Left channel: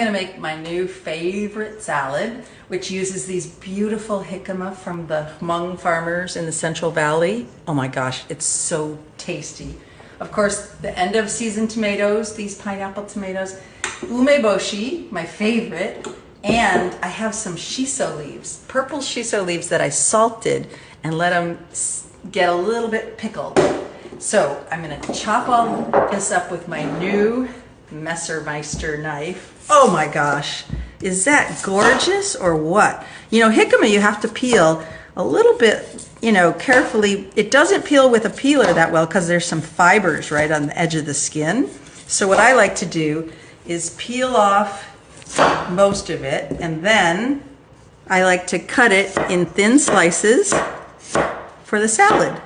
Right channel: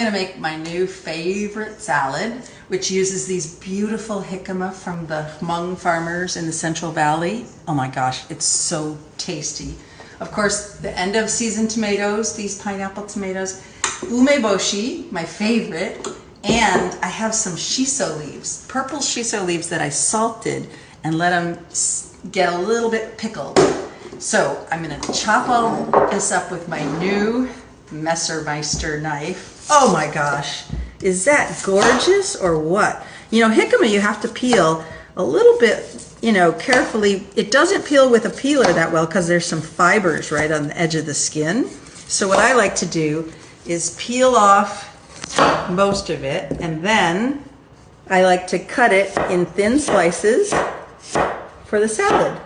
gonna make my new favorite salad, which uses these beautiful jicama from the Hmong farmers in the Central Valley. Oh my gosh, it's so tasty. Of course, the end of season tomatoes, these pineapple tomatoes, umeboshi, my favorite, and I have some shiso leaves, purple shiso leaves that I salted and let them get a little bit pickled. So I'm gonna chop all this up with my new Messermeister knife. Oh my gosh, is that gorgeous or what? You know, jicama you have to peel a little bit, you know, carefully. It doesn't peel with a peeler that well because there's some fibers right on the edge of the skin. So what I like to do is peel off most of it, and then I like to cut it in thin slices for the salad.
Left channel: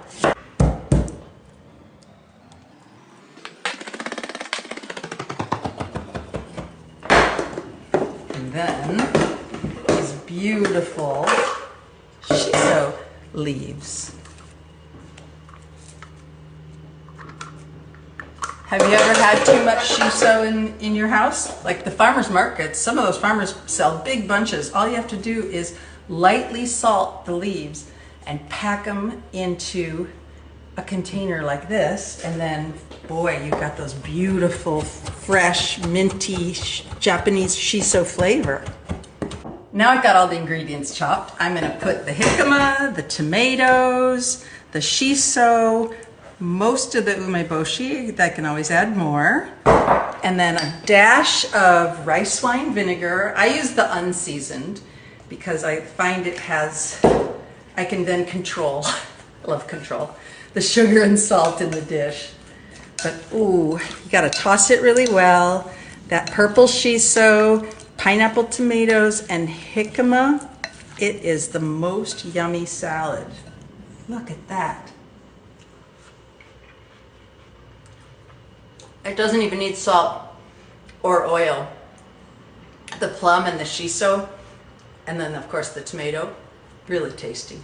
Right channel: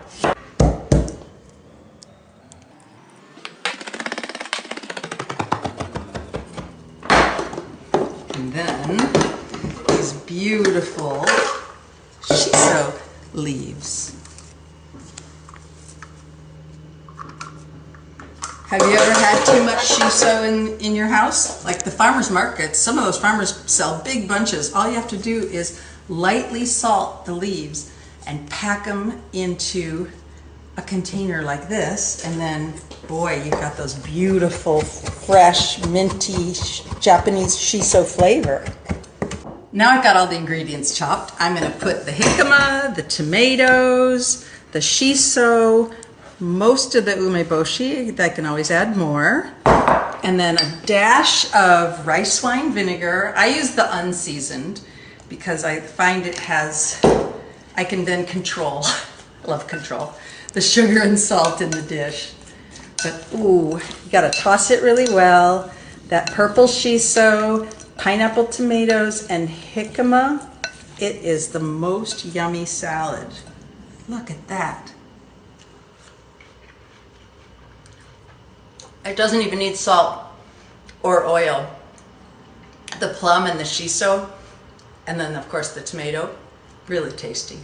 And then these beautiful shiso leaves. Have you ever had too much shiso in your house? Like the farmers markets, some of those farmers sell big bunches. All you have to do is lightly salt the leaves and pack them into a container like this, and then boy, you've got those beautiful, fresh, minty Japanese shiso flavor. Now I've got all the ingredients chopped. I'm gonna put the jicama, the tomatoes, the shiso, most of the umeboshi. I can always add more. And then a dash of rice wine vinegar. I use the unseasoned because I find it has, I can then control, I love control, the sugar and salt in the dish. But ooh, you gotta toss it really well. That purple shiso, pineapple tomatoes, and jicama, it is the most yummy salad. Look at that. It doesn't even need salt or oil. The plum and the shiso, and then of course the tomato, really tasty.